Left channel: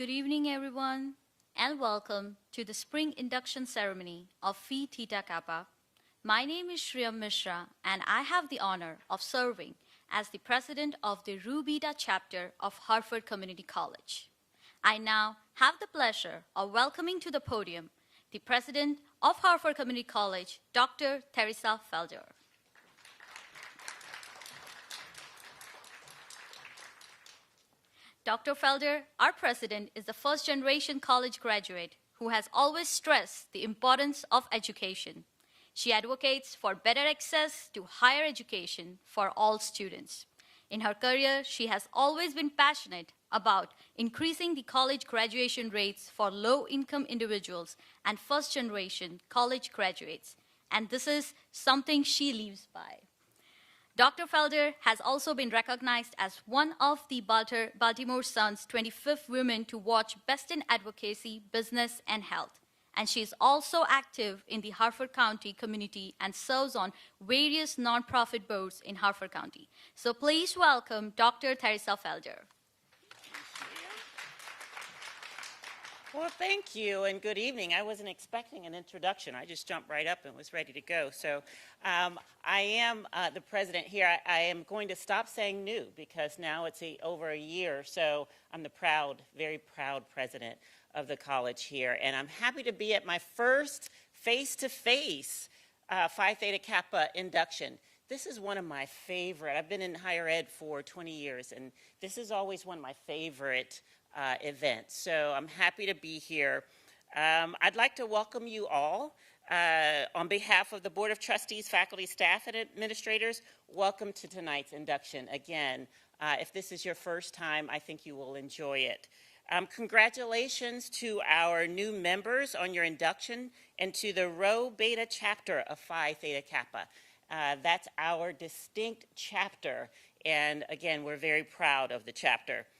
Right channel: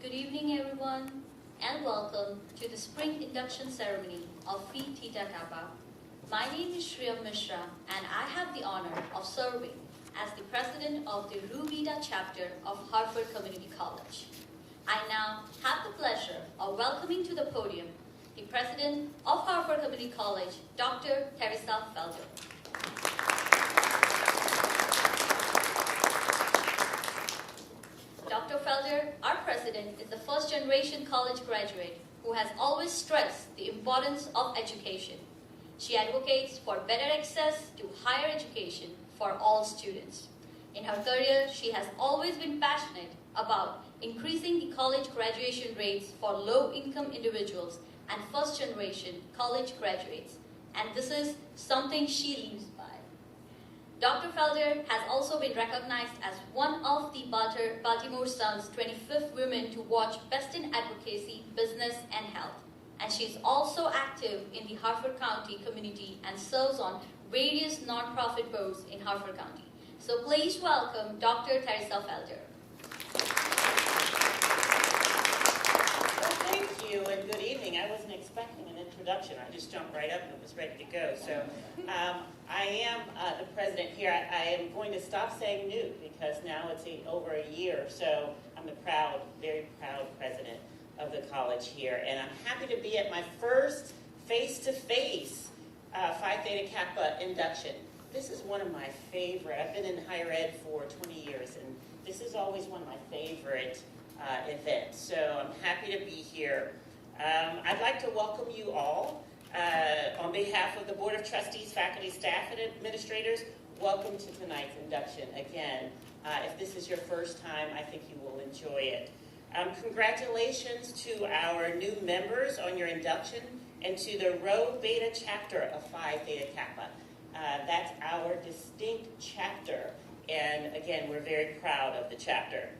Good evening, everyone, and welcome to the spring induction ceremony of Phi Theta Kappa. My name is Mishra, and I have the honor of serving as the president of the Beta chapter of Harford Community College. I now have the pleasure of welcoming to the podium the president of Harford Community College, Dr. Teresa Felder. Dr. Felder, our president, is the first-generation college graduate who has always stressed the importance of education. She advocates for better access to higher education for all students. In her career, she has always been passionate about increasing the college graduation rates for low-income individuals and first-generation college graduates, and this is something she lives by. Dr. Felder has also been recognized as one of the Baltimore Sun's 25th women to watch Best in Advocacy, Business, and Health. And she is also active in the Harford County community and serves on various nonprofit boards in Harford County. So please welcome Dr. Teresa Felder. Well, thank you and good evening. I wasn't expecting an introduction. I just jumped right up and was ready to go. So I am the president here. I am going to stop saying new because now it's over a year. So I'm the very proud president of the college here. And I'm happy to be at my first face-to-face Phi Theta Kappa induction. This is one of my favorite. I've been in higher ed for 20 years, and this is always one of my favorite events. So I'm happy to be here. I'd like to welcome you all. On behalf of the Board of Trustees, faculty, staff, and administrators, welcome to tonight's induction. Again, if this is your first time, I think you will enjoy it. Congratulations to our new members on your induction and to the Beta chapter of Phi Theta Kappa. That's our distinct chapter, and again, we're very proud of the chapter.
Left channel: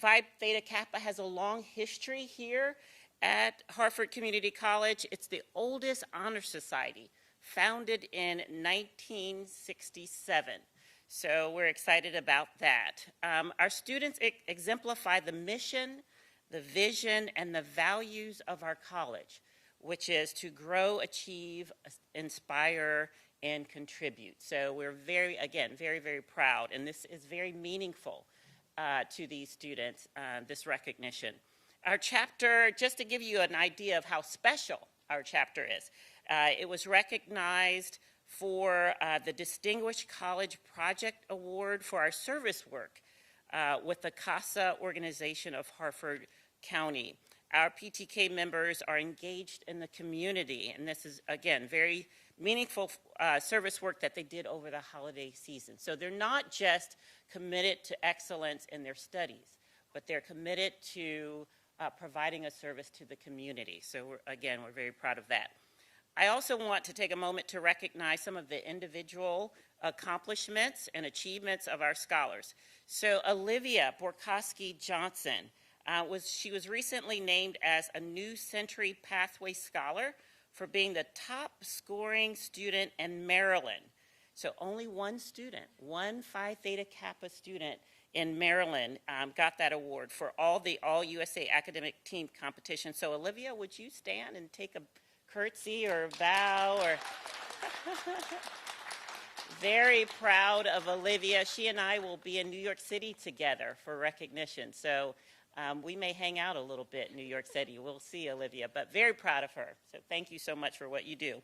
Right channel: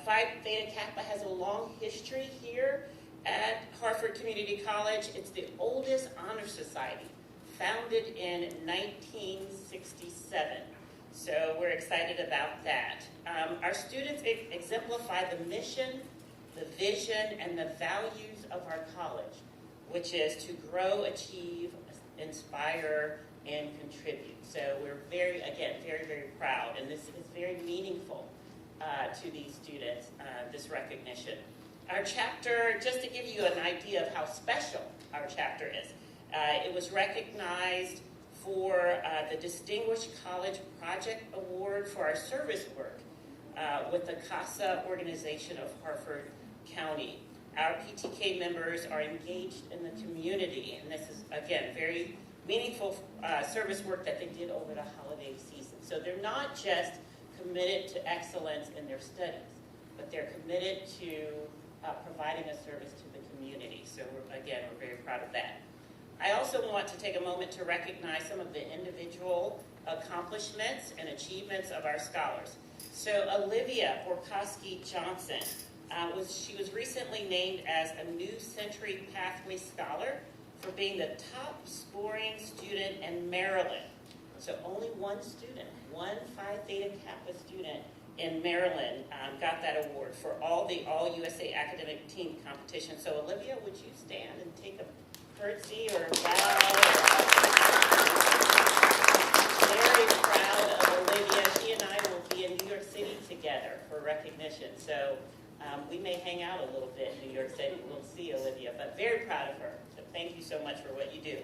Phi Theta Kappa has a long history here at Harford Community College. It's the oldest honor society, founded in 1967. So we're excited about that. Our students exemplify the mission, the vision, and the values of our college, which is to grow, achieve, inspire, and contribute. So we're very, very proud, and this is very meaningful to these students, this recognition. Our chapter, just to give you an idea of how special our chapter is, it was recognized for the Distinguished College Project Award for our service work with the CASA organization of Harford County. Our PTK members are engaged in the community, and this is, again, very meaningful service work that they did over the holiday season. So they're not just committed to excellence in their studies, but they're committed to providing a service to the community. So we're very proud of that. I also want to take a moment to recognize some of the individual accomplishments and achievements of our scholars. So Olivia Johnson, she was recently named as a New Century Pathway Scholar for being the top scoring student in Maryland. So only one Phi Theta Kappa student in Maryland got that award for all USA academic team competition. So Olivia, would you stand and take a curtsy or bow? Very proud of Olivia. She and I will be in New York City together for recognition. So we may hang out a little bit in New York City. We'll see Olivia, but very proud of her. So thank you so much for what you do.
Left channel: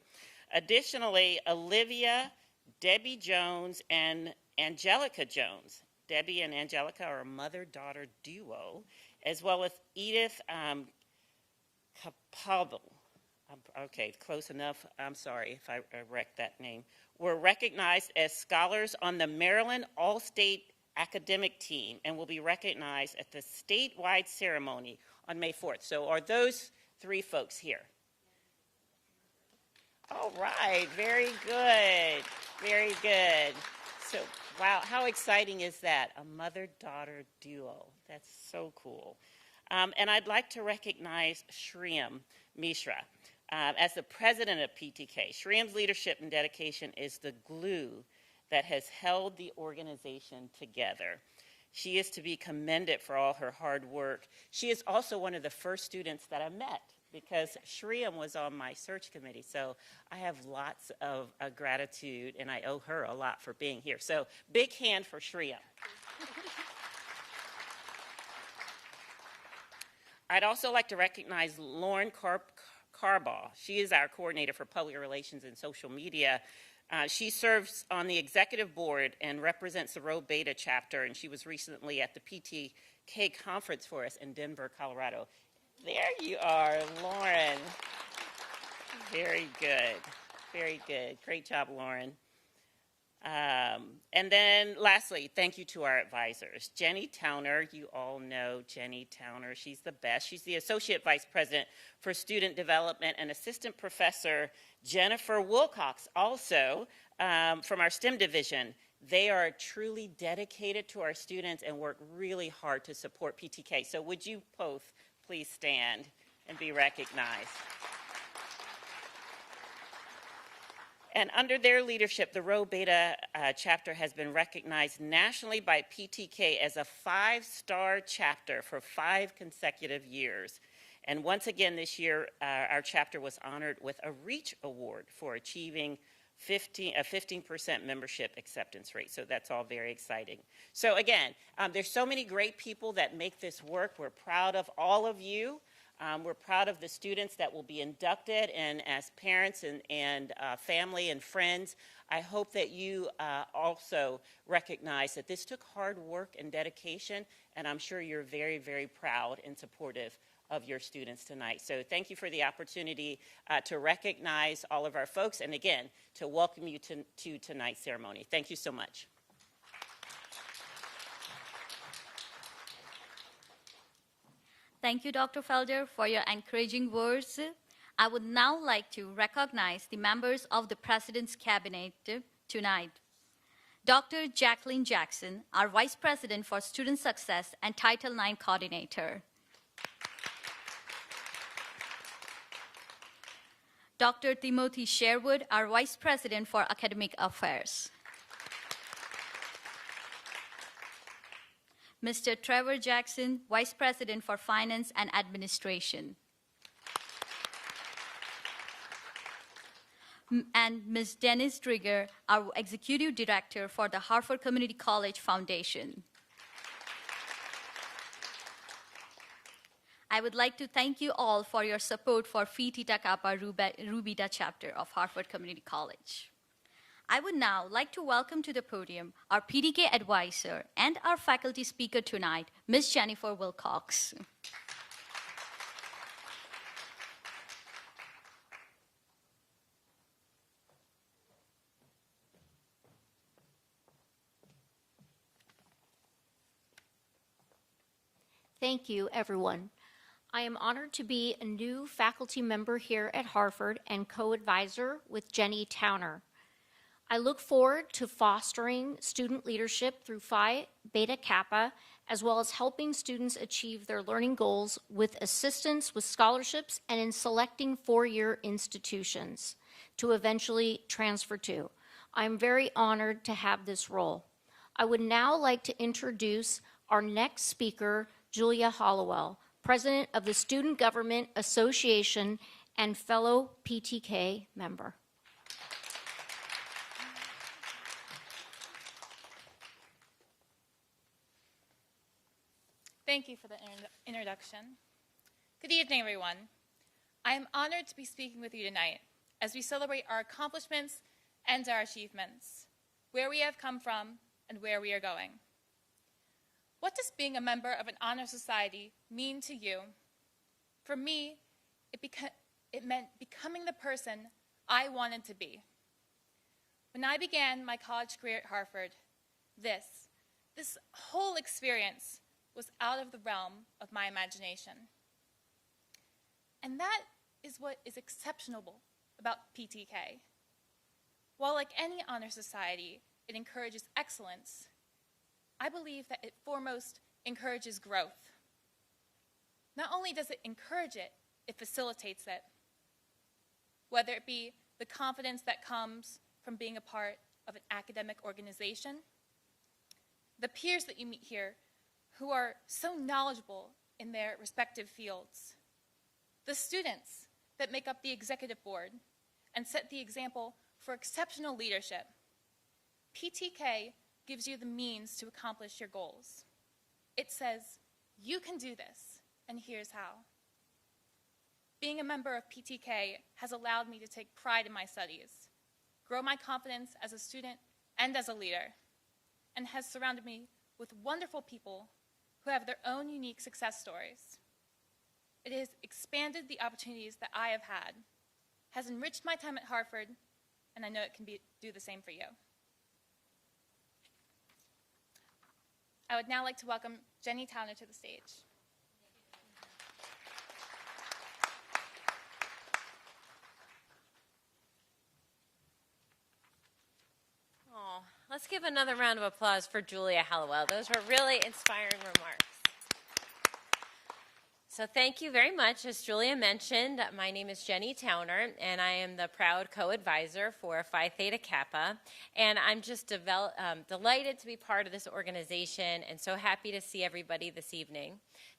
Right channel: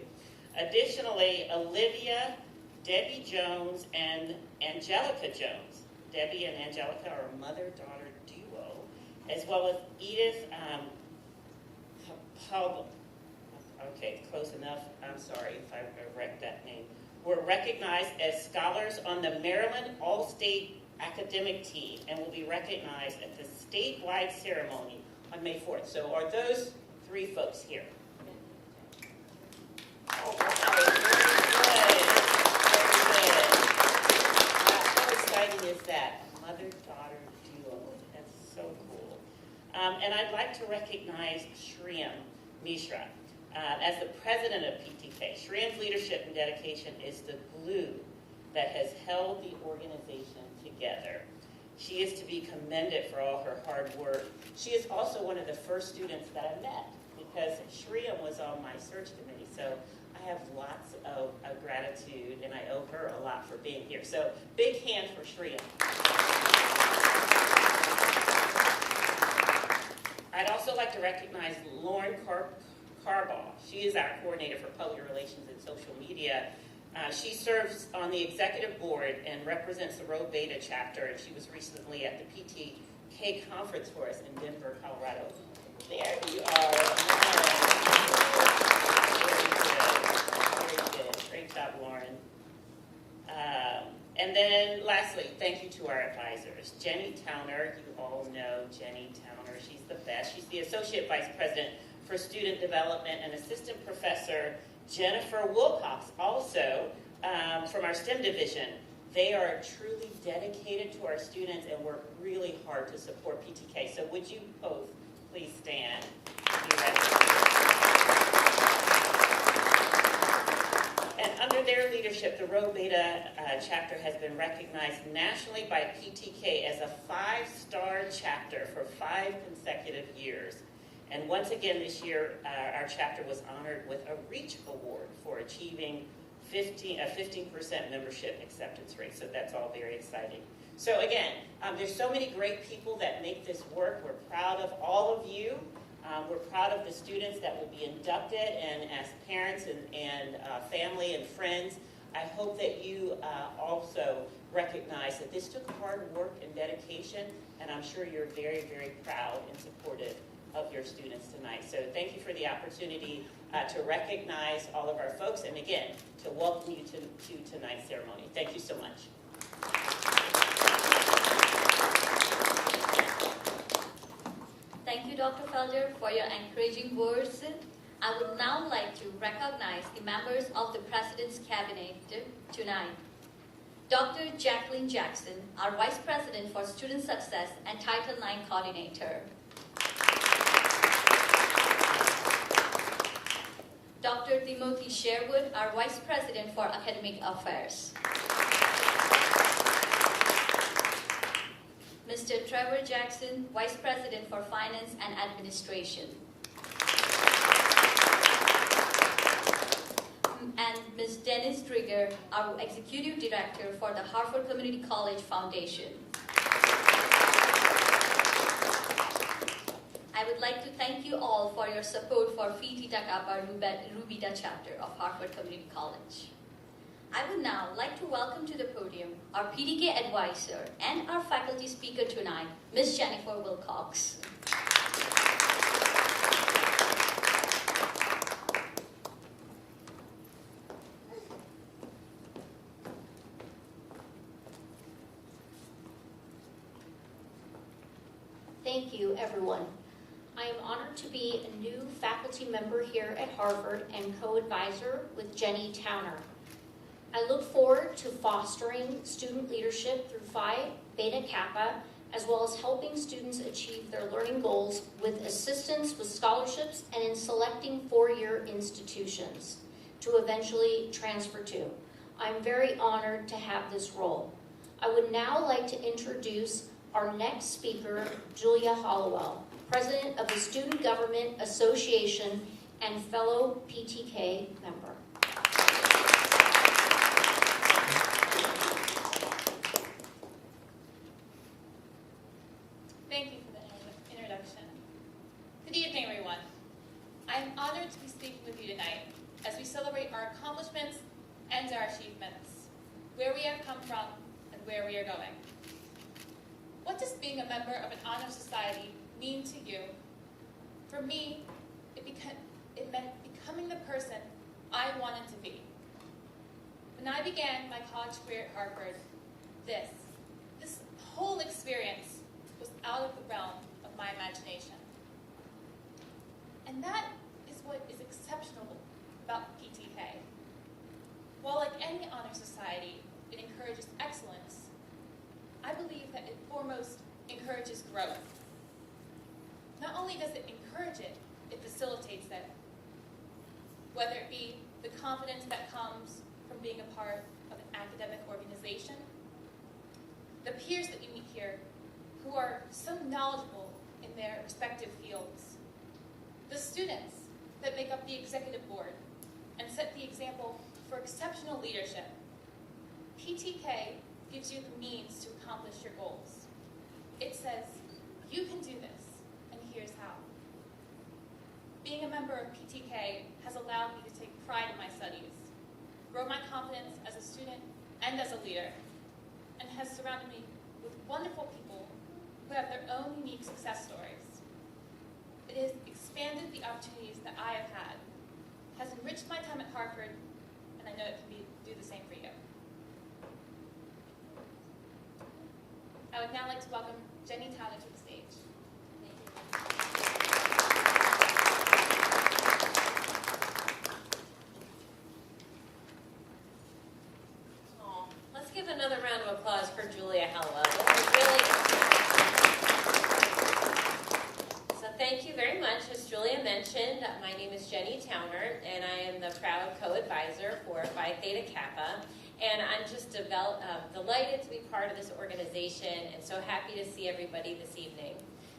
Additionally, Olivia, Debbie Jones, and Angelica Jones. Debbie and Angelica are a mother-daughter duo, as well as Edith Kappa. Okay, close enough. I'm sorry if I read that name. Were recognized as scholars on the Maryland All-State Academic Team and will be recognized at the statewide ceremony on May 4th. So are those three folks here? All right, very good. Very good. How exciting is that? A mother-daughter duo. That's so cool. And I'd like to recognize Mishra. As the president of PTK, Shreem's leadership and dedication is the glue that has held the organization together. She is to be commended for all her hard work. She is also one of the first students that I met because Shreem was on my search committee. So I have lots of gratitude, and I owe her a lot for being here. So big hand for Shreem. I'd also like to recognize Lauren Carbaugh. She is our coordinator for public relations and social media. She serves on the executive board and represents the Rho Beta chapter, and she was recently at the Ptk conference for us in Denver, Colorado. There you are, Lauren. Very good. Very good. Great job, Lauren. And then lastly, thank you to our advisors. Jenny Towner, you all know Jenny Towner. She's the best. She's the Associate Vice President for Student Development and Assistant Professor Jennifer Wilcox, also from our STEM division. They are truly dedicated to our students and work really hard to support PTK. So would you both please stand to be recognized? And under their leadership, the Rho Beta chapter has been recognized nationally by PTK as a 5-star chapter for 5 consecutive years. And once again this year, our chapter was honored with a REACH Award for achieving a 15% membership acceptance rate. So that's all very exciting. So again, there's so many great people that make this work. We're proud of all of you. We're proud of the students that will be inducted, and as parents and family and friends, I hope that you also recognize that this took hard work and dedication, and I'm sure you're very, very proud and supportive of your students tonight. So thank you for the opportunity to recognize all of our folks, and again, to welcome you to tonight's ceremony. Thank you so much. Thank you, Dr. Felder, for your encouraging words. I would now like to recognize the members of the President's Cabinet tonight. Dr. Jacqueline Jackson, our Vice President for Student Success and Title IX Coordinator. Dr. Timothy Sherwood, our Vice President for Academic Affairs. Mr. Trevor Jackson, Vice President for Finance and Administration. And Ms. Denise Drigger, our Executive Director for the Harford Community College Foundation. I would like to thank you all for your support for Phi Theta Kappa Rho Beta chapter of Harford Community College. I would now like to welcome to the podium our PTK advisor and our faculty speaker tonight, Ms. Jennifer Wilcox. Thank you, everyone. I am honored to be a new faculty member here at Harford and co-advisor with Jenny Towner. I look forward to fostering student leadership through Phi Beta Kappa, as well as helping students achieve their learning goals with assistance with scholarships and in selecting four-year institutions to eventually transfer to. I am very honored to have this role. I would now like to introduce our next speaker, Julia Hollowell, President of the Student Government Association and fellow PTK member. Thank you for the introduction. Good evening, everyone. I am honored to be speaking with you tonight as we celebrate our accomplishments and our achievements, where we have come from and where we are going. What does being a member of an honor society mean to you? For me, it meant becoming the person I wanted to be. When I began my college career at Harford, this whole experience was out of the realm of my imagination. And that is what is exceptional about PTK. While like any honor society, it encourages excellence, I believe that it foremost encourages growth. Not only does it encourage it, it facilitates it. Whether it be the confidence that comes from being a part of an academic organization, the peers that you meet here who are so knowledgeable in their respective fields, the students that make up the executive board and set the example for exceptional leadership. PTK gives you the means to accomplish your goals. It says, you can do this, and here's how. Being a member of PTK has allowed me to take pride in my studies, grow my confidence as a student and as a leader, and has surrounded me with wonderful people who have their own unique success stories. It has expanded the opportunities that I have had, has enriched my time at Harford, and I know it can do the same for you. I would now like to welcome Jenny Towner to the stage. Oh, let's give another round of applause for Julia Hallowell. Those were really inspiring. So thank you very much. As Julia mentioned, my name is Jenny Towner, and I am the proud co-advisor for Phi Theta Kappa. And I'm just delighted to be part of this organization and so happy to see everybody this evening.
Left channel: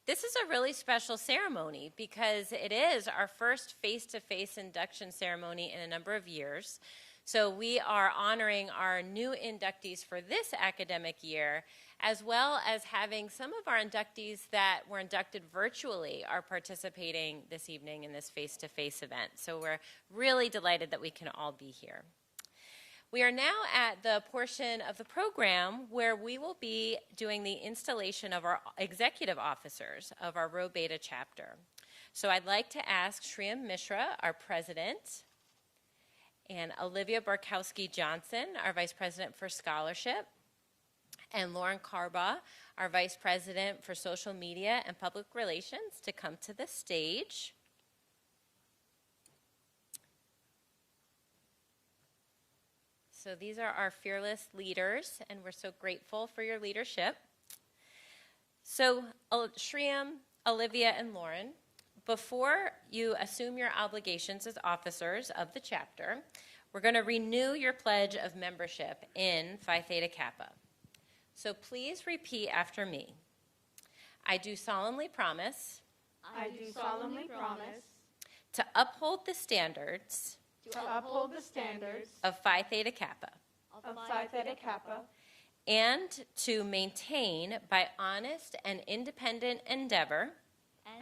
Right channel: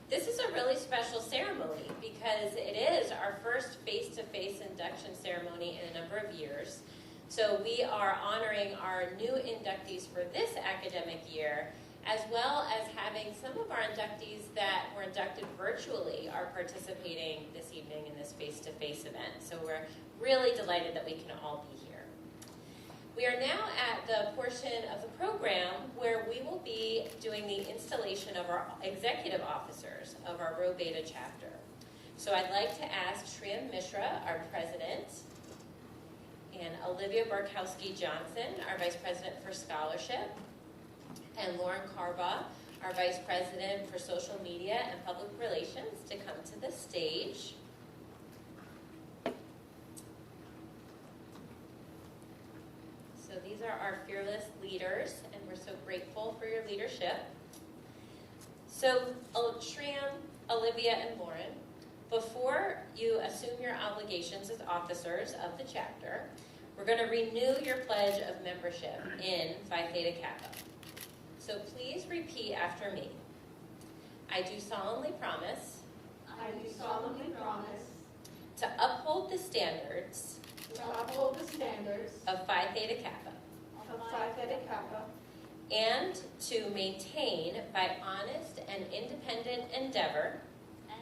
This is a really special ceremony because it is our first face-to-face induction ceremony in a number of years. So we are honoring our new inductees for this academic year, as well as having some of our inductees that were inducted virtually are participating this evening in this face-to-face event. So we're really delighted that we can all be here. We are now at the portion of the program where we will be doing the installation of our executive officers of our Rho Beta chapter. So I'd like to ask Mishra, our president, and Olivia Barkowski-Johnson, our vice president for scholarship, and Lauren Carbaugh, our vice president for social media and public relations, to come to the stage. So these are our fearless leaders, and we're so grateful for your leadership. So Shriyam, Olivia, and Lauren, before you assume your obligations as officers of the chapter, we're going to renew your pledge of membership in Phi Theta Kappa. So please repeat after me. I do solemnly promise. I do solemnly promise. To uphold the standards. To uphold the standards. Of Phi Theta Kappa. Of Phi Theta Kappa. And to maintain by honest and independent endeavor.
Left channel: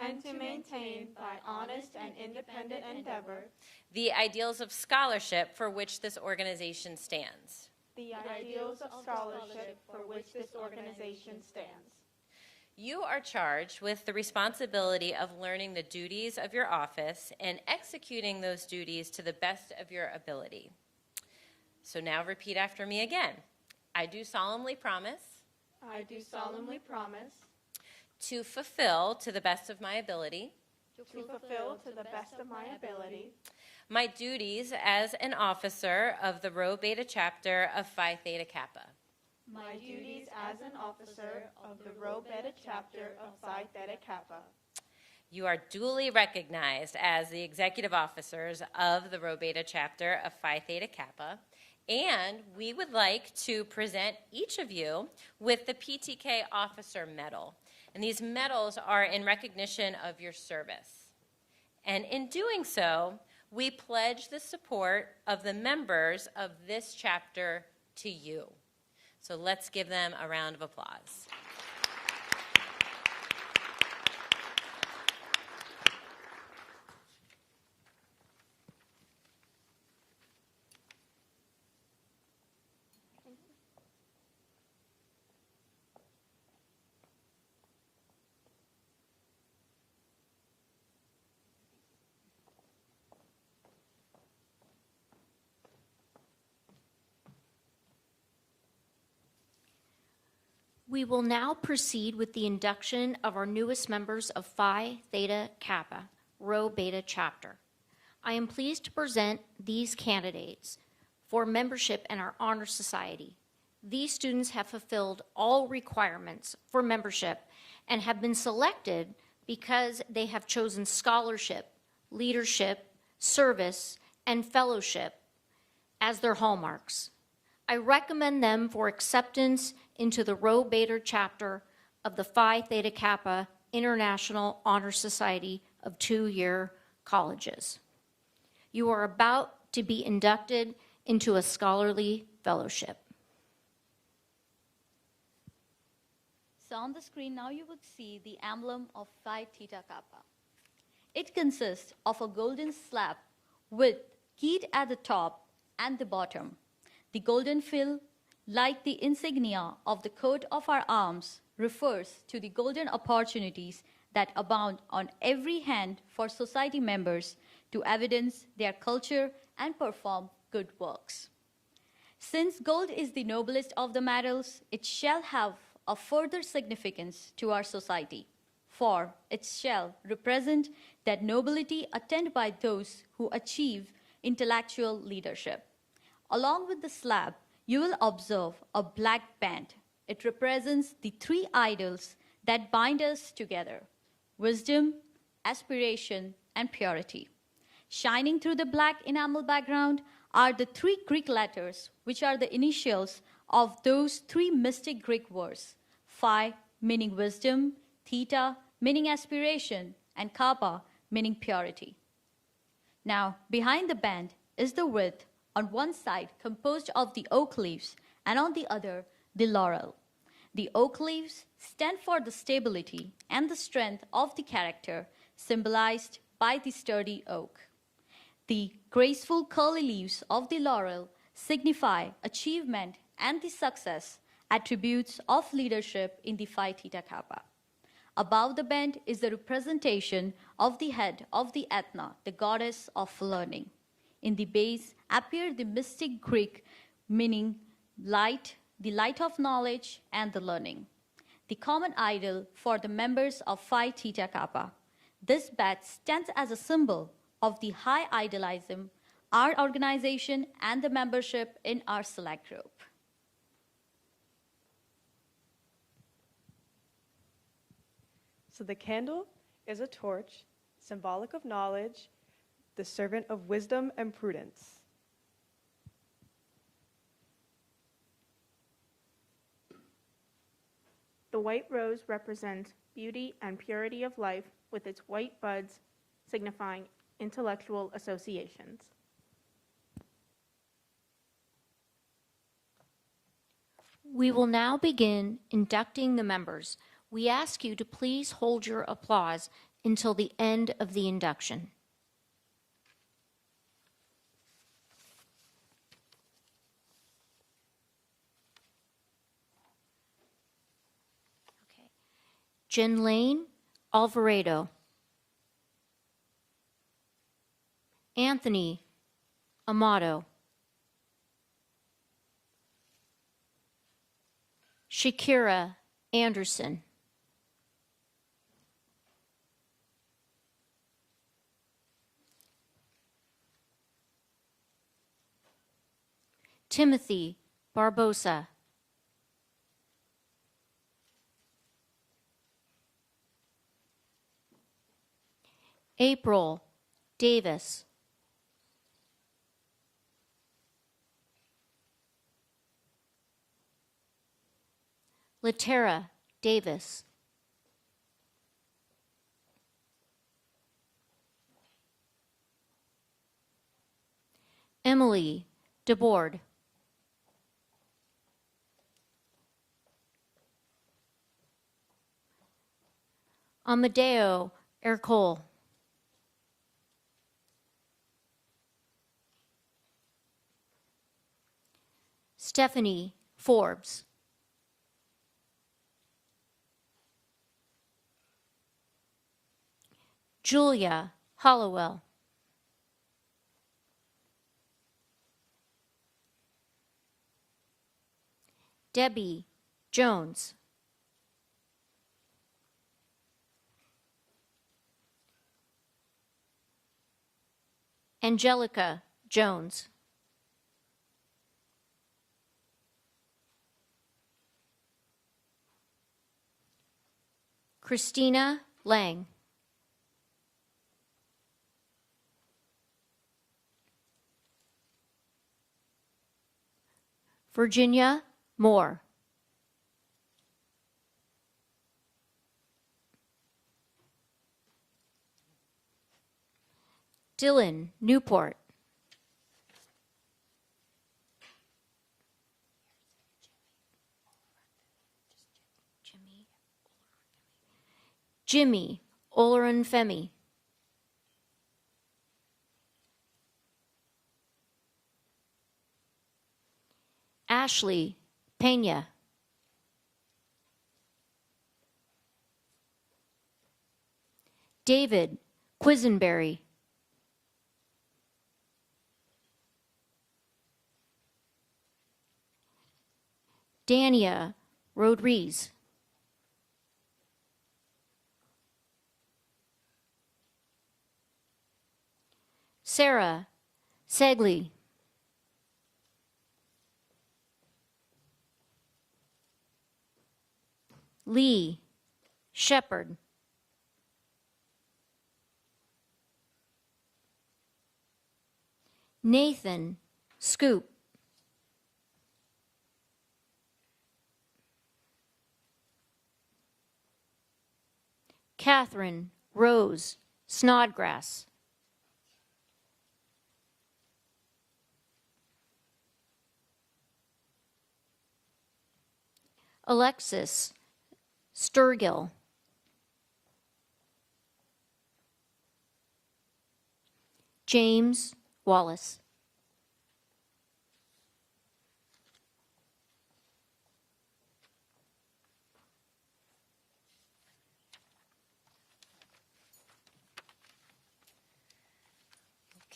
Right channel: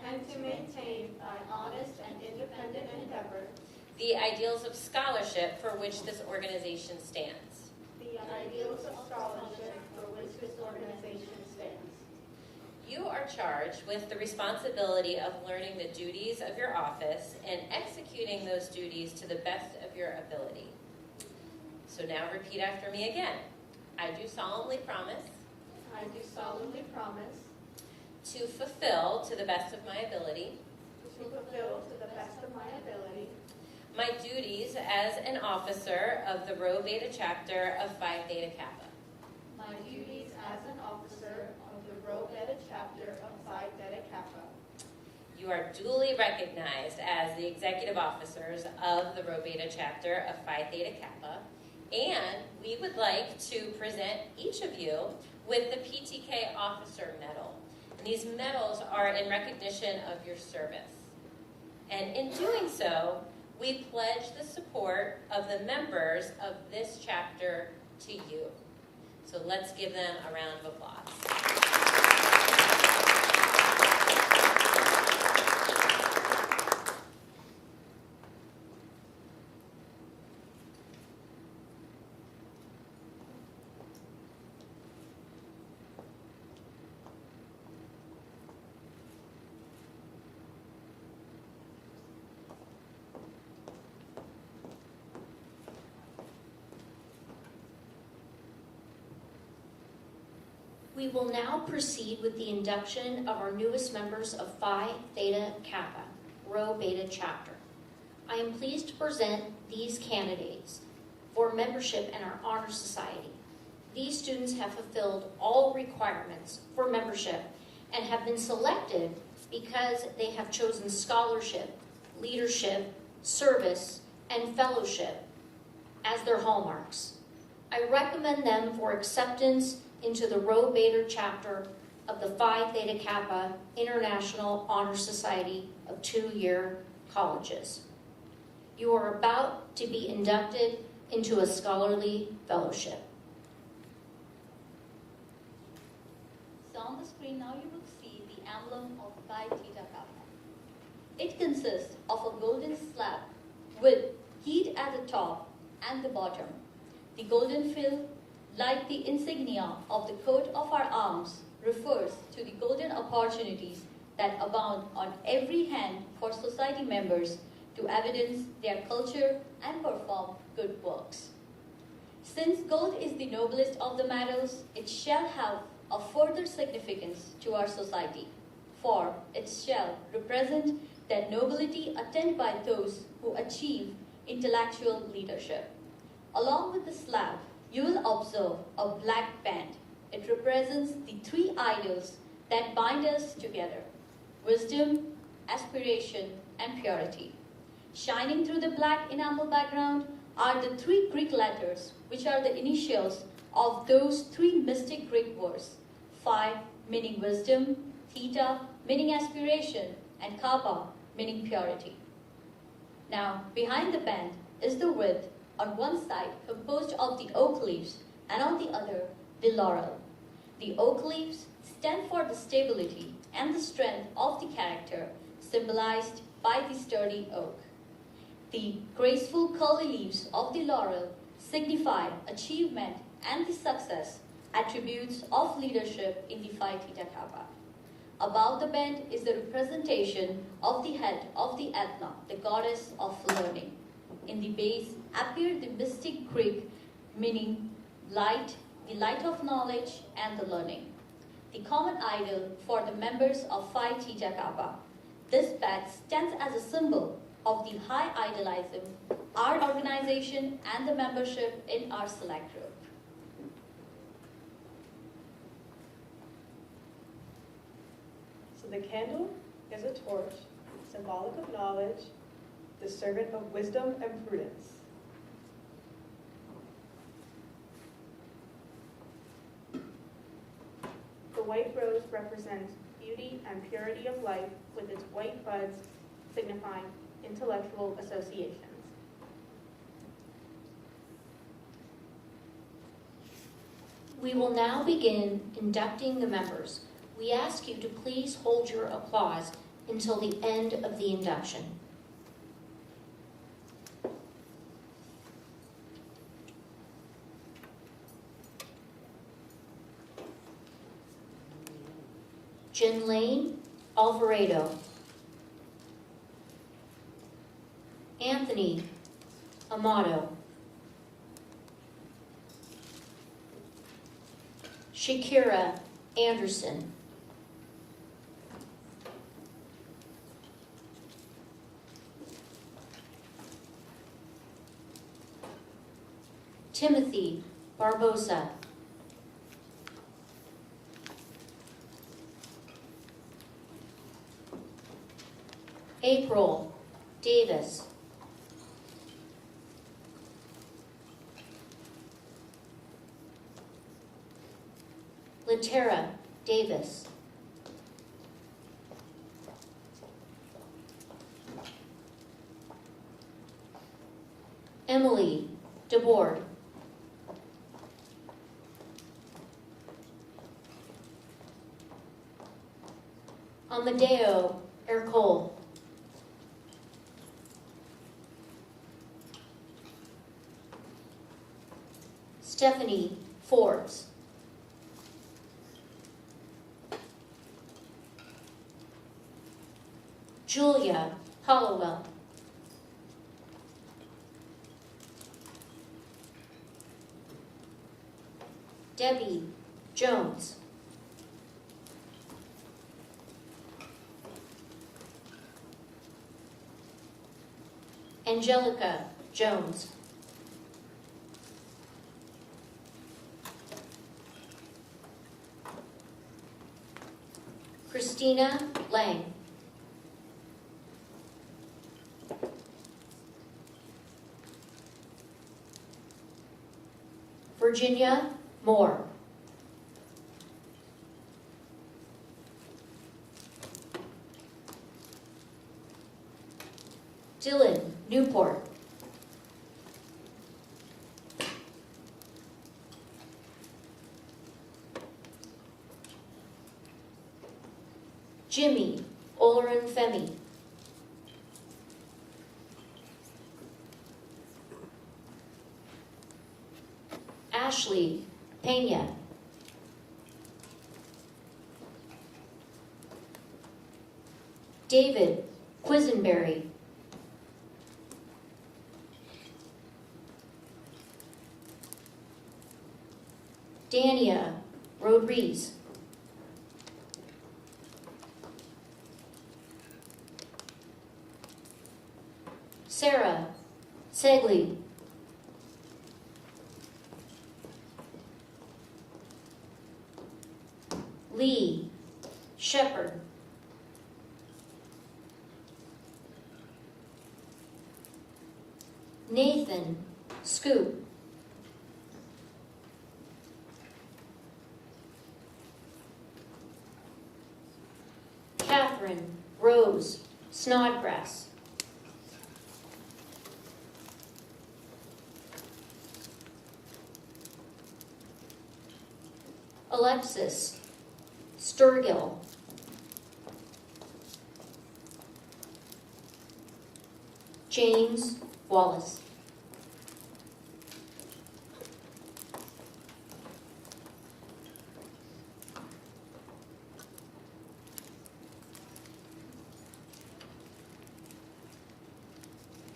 And to maintain by honest and independent endeavor. The ideals of scholarship for which this organization stands. The ideals of scholarship for which this organization stands. You are charged with the responsibility of learning the duties of your office and executing those duties to the best of your ability. So now repeat after me again. I do solemnly promise. I do solemnly promise. To fulfill to the best of my ability. To fulfill to the best of my ability. My duties as an officer of the Rho Beta chapter of Phi Theta Kappa. My duties as an officer of the Rho Beta chapter of Phi Theta Kappa. You are duly recognized as the executive officers of the Rho Beta chapter of Phi Theta Kappa, and we would like to present each of you with the Ptk Officer Medal. And these medals are in recognition of your service. And in doing so, we pledge the support of the members of this chapter to you. So let's give them a round of applause. We will now proceed with the induction of our newest members of Phi Theta Kappa, Rho Beta chapter. I am pleased to present these candidates for membership in our Honor Society. These students have fulfilled all requirements for membership and have been selected because they have chosen scholarship, leadership, service, and fellowship as their hallmarks. I recommend them for acceptance into the Rho Beta chapter of the Phi Theta Kappa International Honor Society of 2-year colleges. You are about to be inducted into a scholarly fellowship. So on the screen now you would see the emblem of Phi Theta Kappa. It consists of a golden slab with keyed at the top and the bottom. The golden fill, like the insignia of the coat of our arms, refers to the golden opportunities that abound on every hand for society members to evidence their culture and perform good works. Since gold is the noblest of the metals, it shall have a further significance to our society, for it shall represent that nobility attained by those who achieve intellectual leadership. Along with the slab, you will observe a black band. It represents the 3 idols that bind us together: wisdom, aspiration, and purity. Shining through the black enamel background are the 3 Greek letters, which are the initials of those 3 mystic Greek words: Phi, meaning wisdom; Theta, meaning aspiration; and Kappa, meaning purity. Now, behind the band is the width, on one side composed of the oak leaves, and on the other, the laurel. The oak leaves stand for the stability and the strength of the character, symbolized by the sturdy oak. The graceful curly leaves of the laurel signify achievement and the success, attributes of leadership in the Phi Theta Kappa. Above the band is the representation of the head of the Ethna, the goddess of learning. In the base appear the mystic Greek meaning light, the light of knowledge, and the learning. The common idol for the members of Phi Theta Kappa. This badge stands as a symbol of the high idealism, our organization, and the membership in our select group. So the candle is a torch, symbolic of knowledge, the servant of wisdom and prudence. The white rose represents beauty and purity of life, with its white buds signifying intellectual associations. We will now begin inducting the members. We ask you to please hold your applause until the end of the induction. Jinlane Alvarado. Anthony Amato. Shakira Anderson. Timothy Barbosa. April Davis. Latera Davis. Emily DeBoard. Amadeo Ercole. Stephanie Forbes. Julia Hollowell. Debbie Jones. Angelica Jones. Christina Lang. Virginia Moore. Dylan, Newport. Jimmy, Oleran Femi. Ashley, Pena. David, Quisenberry. Dania, Rodriguez. Sarah, Segley. Lee, Shepherd. Nathan, Scoop. Catherine, Rose, Snodgrass. Alexis, Sturgill. James, Wallace.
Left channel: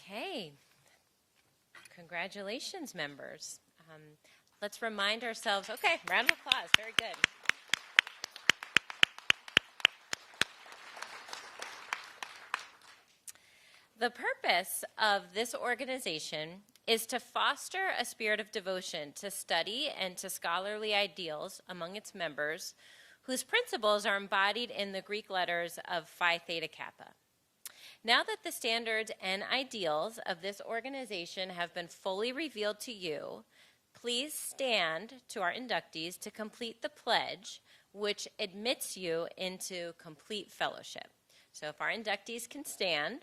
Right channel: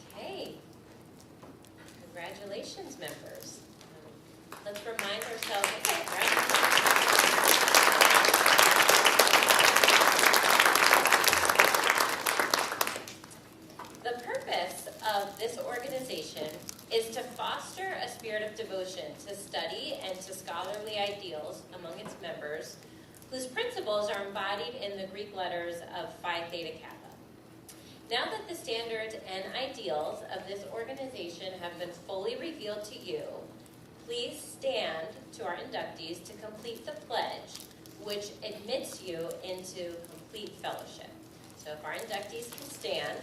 Okay. Congratulations, members. Let's remind ourselves, okay, round of applause. The purpose of this organization is to foster a spirit of devotion to study and to scholarly ideals among its members, whose principles are embodied in the Greek letters of Phi Theta Kappa. Now that the standards and ideals of this organization have been fully revealed to you, please stand to our inductees to complete the pledge, which admits you into complete fellowship. So if our inductees can stand.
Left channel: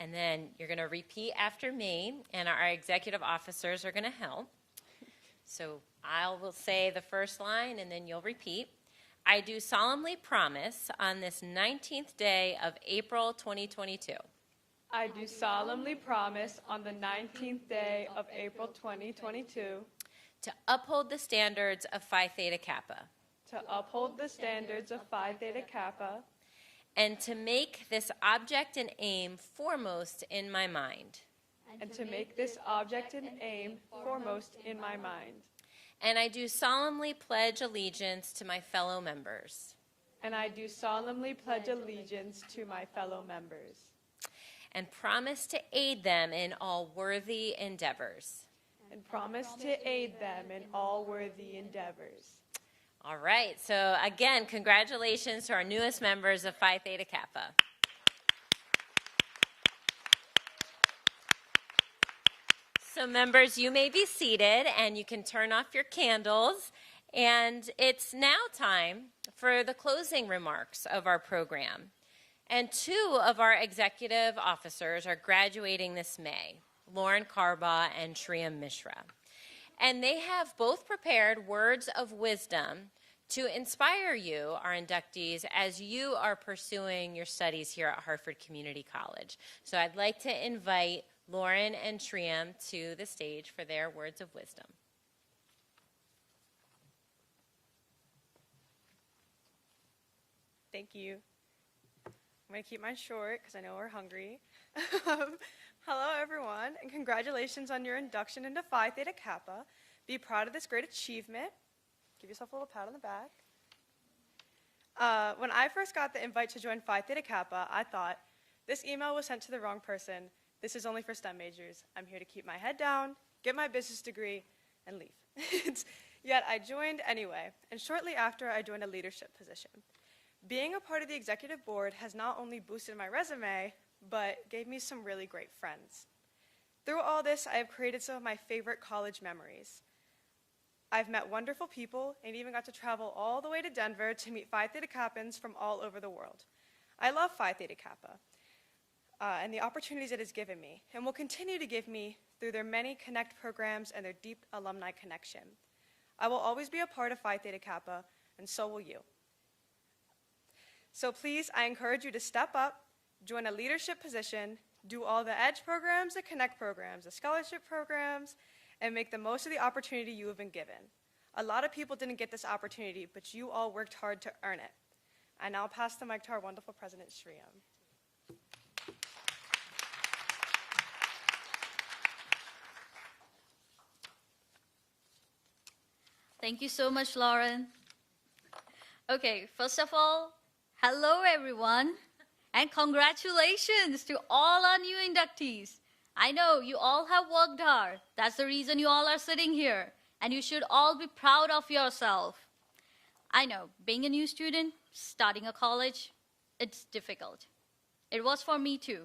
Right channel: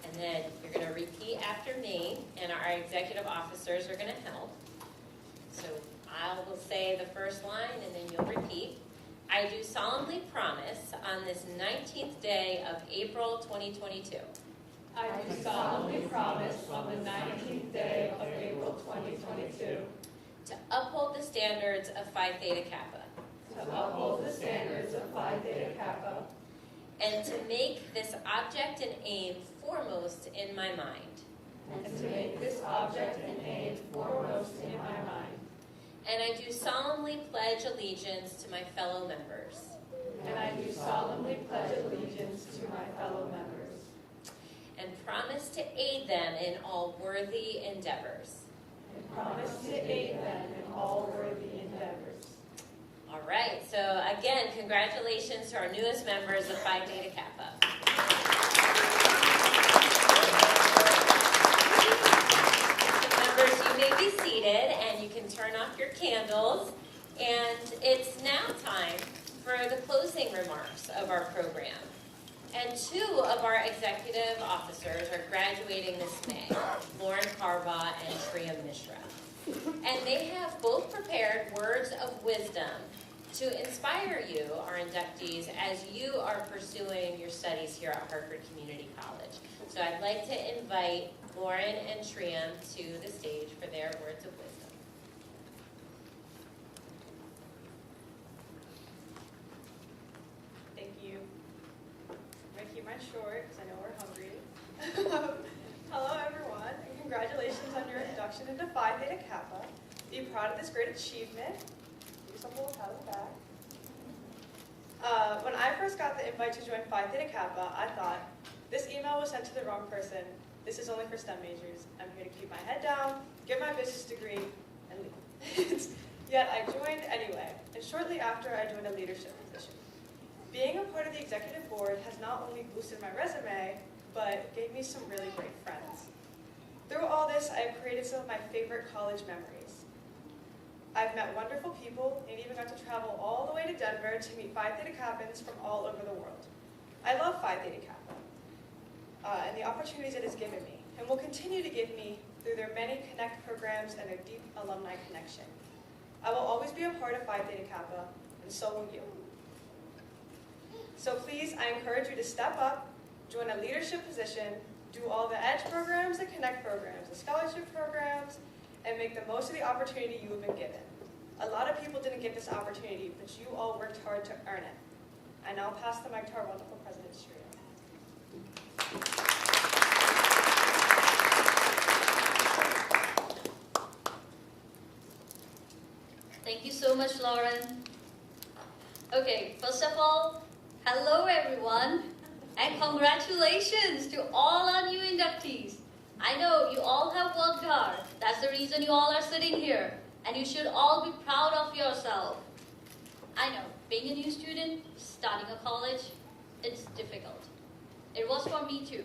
And then you're going to repeat after me, and our executive officers are going to help. So I will say the first line, and then you'll repeat. I do solemnly promise on this 19th day of April 2022. I do solemnly promise on the 19th day of April 2022 to uphold the standards of Phi Theta Kappa. To uphold the standards of Phi Theta Kappa. And to make this object and aim foremost in my mind. And to make this object and aim foremost in my mind. And I do solemnly pledge allegiance to my fellow members. And I do solemnly pledge allegiance to my fellow members. And promise to aid them in all worthy endeavors. And promise to aid them in all worthy endeavors. All right, so again, congratulations to our newest members of Phi Theta Kappa. So members, you may be seated and you can turn off your candles. And it's now time for the closing remarks of our program. And two of our executive officers are graduating this May, Lauren Harbaugh and Teresa Mishra. And they have both prepared words of wisdom to inspire you, our inductees, as you are pursuing your studies here at Harford Community College. So I'd like to invite Lauren and Triam to the stage for their words of wisdom. Thank you. I'm going to keep mine short because I know we're hungry. Hello, everyone, and congratulations on your induction into Phi Theta Kappa. Be proud of this great achievement. Give yourself a little pat on the back. When I first got the invite to join Phi Theta Kappa, I thought, this email was sent to the wrong person. This is only for STEM majors. I'm here to keep my head down, get my business degree, and leave. Yet I joined anyway, and shortly after I joined a leadership position. Being a part of the executive board has not only boosted my resume, but gave me some really great friends. Through all this, I have created some of my favorite college memories. I've met wonderful people and even got to travel all the way to Denver to meet Phi Theta Kappans from all over the world. I love Phi Theta Kappa and the opportunities it has given me, and will continue to give me through their many Connect programs and their deep alumni connection. I will always be a part of Phi Theta Kappa, and so will you. So please, I encourage you to step up, join a leadership position, do all the EDGE programs and Connect programs, the scholarship programs, and make the most of the opportunity you have been given. A lot of people didn't get this opportunity, but you all worked hard to earn it. I now pass the mic to our wonderful President Shreya. Thank you so much, Lauren. Okay, first of all, hello everyone, and congratulations to all our new inductees. I know you all have worked hard. That's the reason you all are sitting here, and you should all be proud of yourself. I know, being a new student, starting a college, it's difficult. It was for me too.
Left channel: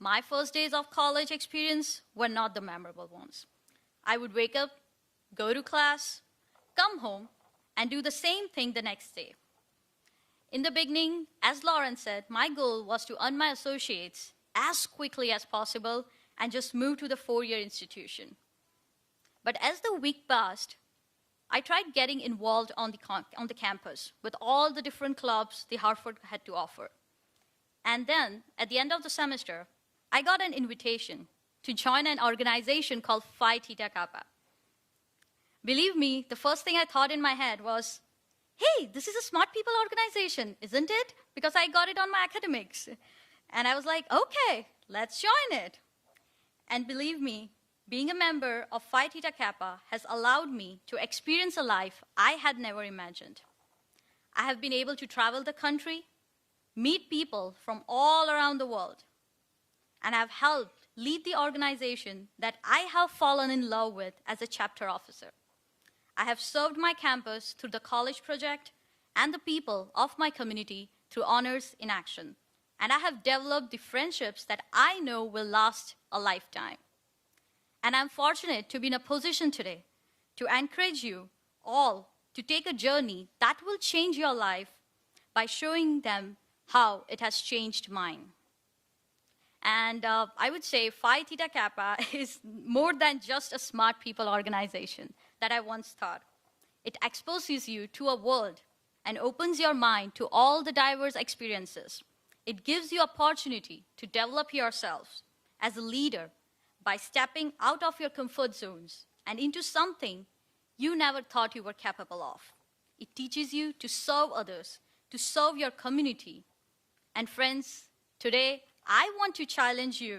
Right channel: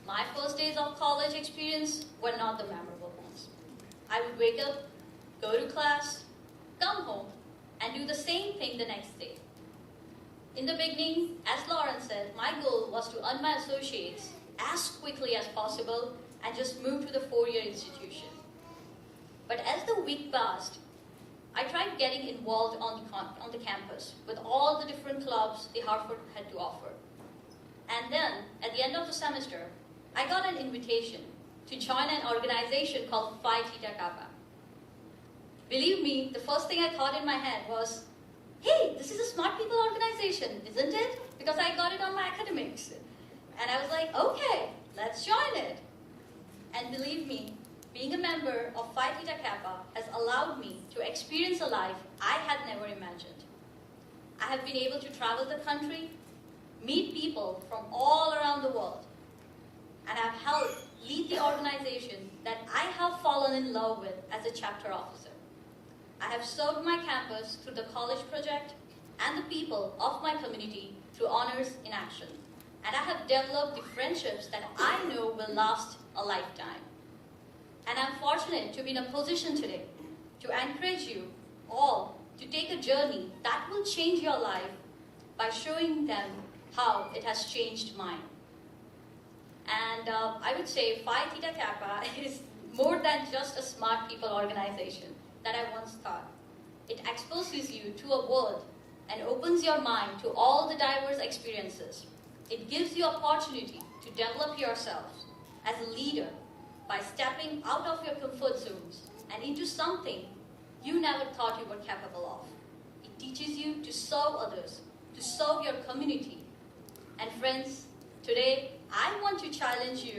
My first days of college experience were not the memorable ones. I would wake up, go to class, come home, and do the same thing the next day. In the beginning, as Lauren said, my goal was to earn my associates as quickly as possible and just move to the four-year institution. But as the week passed, I tried getting involved on the campus with all the different clubs the Harford had to offer. And then, at the end of the semester, I got an invitation to join an organization called Phi Theta Kappa. Believe me, the first thing I thought in my head was, hey, this is a smart people organization, isn't it? Because I got it on my academics. And I was like, okay, let's join it. And believe me, being a member of Phi Theta Kappa has allowed me to experience a life I had never imagined. I have been able to travel the country, meet people from all around the world, and I've helped lead the organization that I have fallen in love with as a chapter officer. I have served my campus through the college project and the people of my community through Honors in Action. And I have developed the friendships that I know will last a lifetime. And I'm fortunate to be in a position today to encourage you all to take a journey that will change your life by showing them how it has changed mine. And I would say Phi Theta Kappa is more than just a smart people organization that I once thought. It exposes you to a world and opens your mind to all the diverse experiences. It gives you opportunity to develop yourselves as a leader by stepping out of your comfort zones and into something you never thought you were capable of. It teaches you to serve others, to serve your community. And friends, today I want to challenge you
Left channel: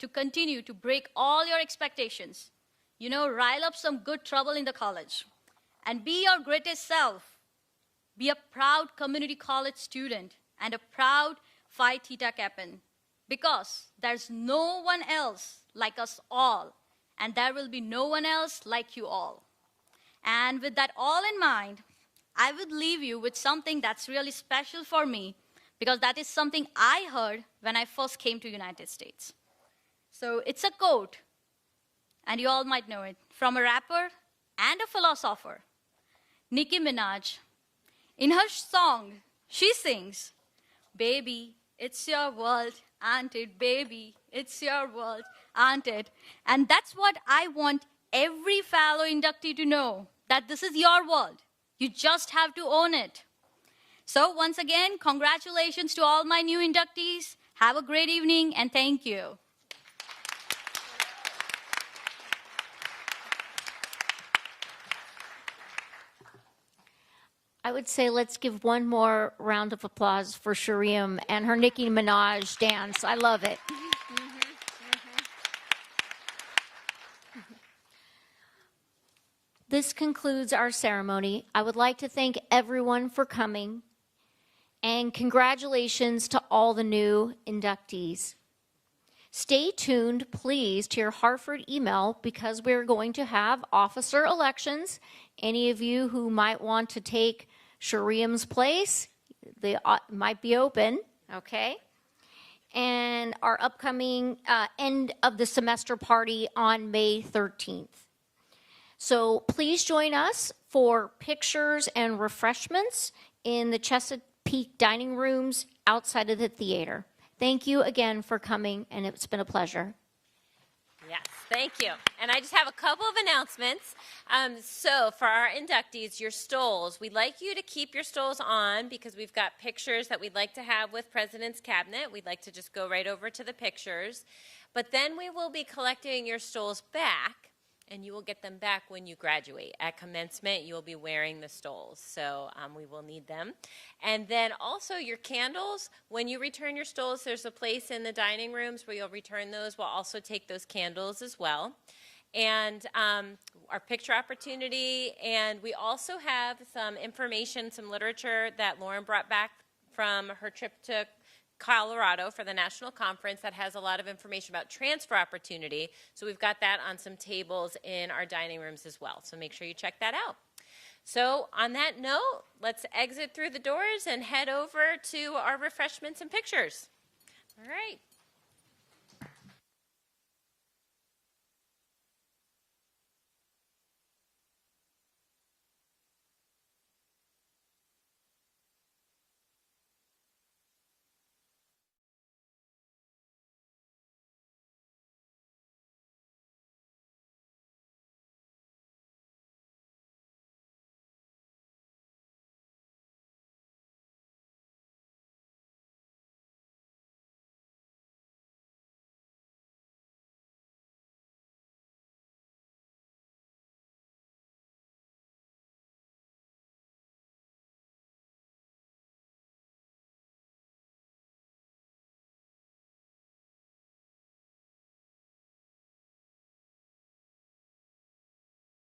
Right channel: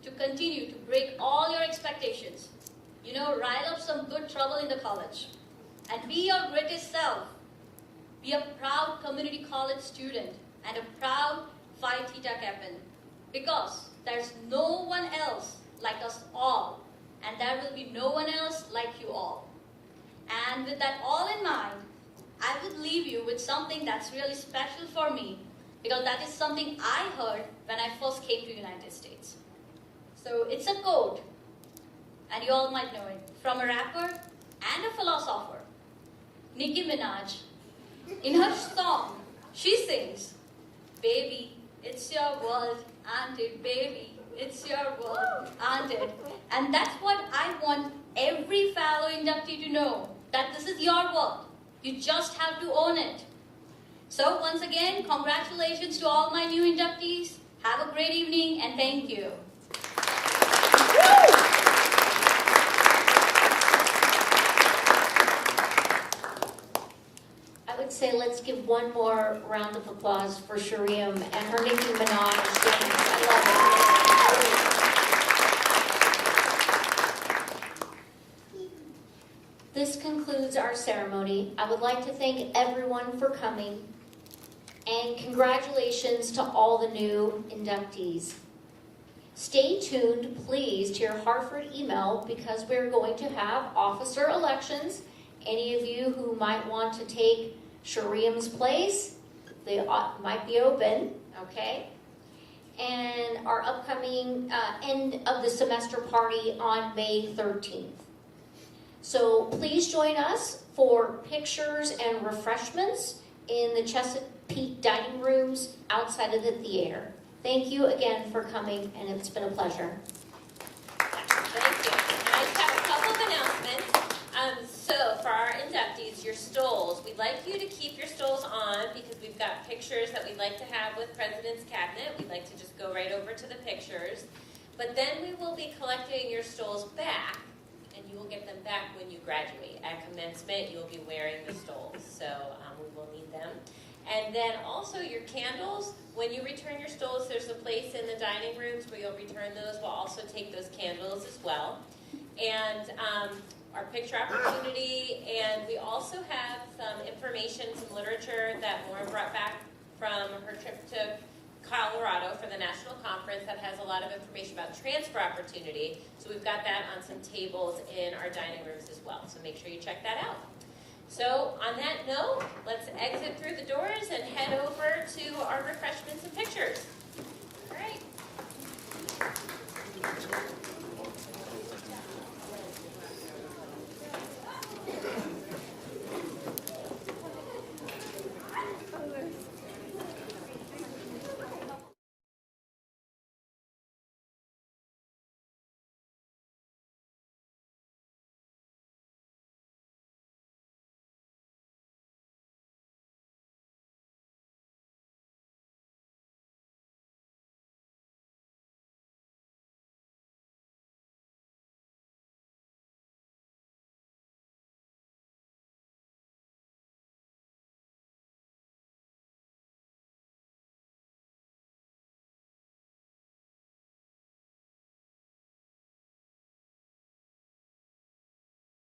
to continue to break all your expectations. You know, rile up some good trouble in the college and be your greatest self. Be a proud community college student and a proud Phi Theta Kappan, because there's no one else like us all, and there will be no one else like you all. And with that all in mind, I would leave you with something that's really special for me, because that is something I heard when I first came to United States. So it's a quote, and you all might know it, from a rapper and a philosopher, Nicki Minaj. In her song, she sings, "Baby, it's your world, ain't it? Baby, it's your world, ain't it?" And that's what I want every fellow inductee to know, that this is your world. You just have to own it. So once again, congratulations to all my new inductees. Have a great evening, and thank you. I would say let's give one more round of applause for Shreya and her Nicki Minaj dance. I love it. This concludes our ceremony. I would like to thank everyone for coming, and congratulations to all the new inductees. Stay tuned, please, to your Harford email, because we're going to have officer elections. Any of you who might want to take Shreya's place, they might be open, okay? And our upcoming end of the semester party on May 13th. So please join us for pictures and refreshments in the peak dining rooms outside of the theater. Thank you again for coming, and it's been a pleasure. Yes, thank you. And I have a couple of announcements. So for our inductees, your stoles, we'd like you to keep your stoles on because we've got pictures that we'd like to have with President's Cabinet. We'd like to just go right over to the pictures. But then we will be collecting your stoles back, and you will get them back when you graduate. At commencement, you'll be wearing the stoles, so we will need them. And then also your candles, when you return your stoles, there's a place in the dining rooms where you'll return those. We'll also take those candles as well. And our picture opportunity, and we also have some information, some literature that Lauren brought back from her trip to Colorado for the national conference that has a lot of information about transfer opportunity. So we've got that on some tables in our dining rooms as well. So make sure you check that out. So on that note, let's exit through the doors and head over to our refreshments and pictures. All right.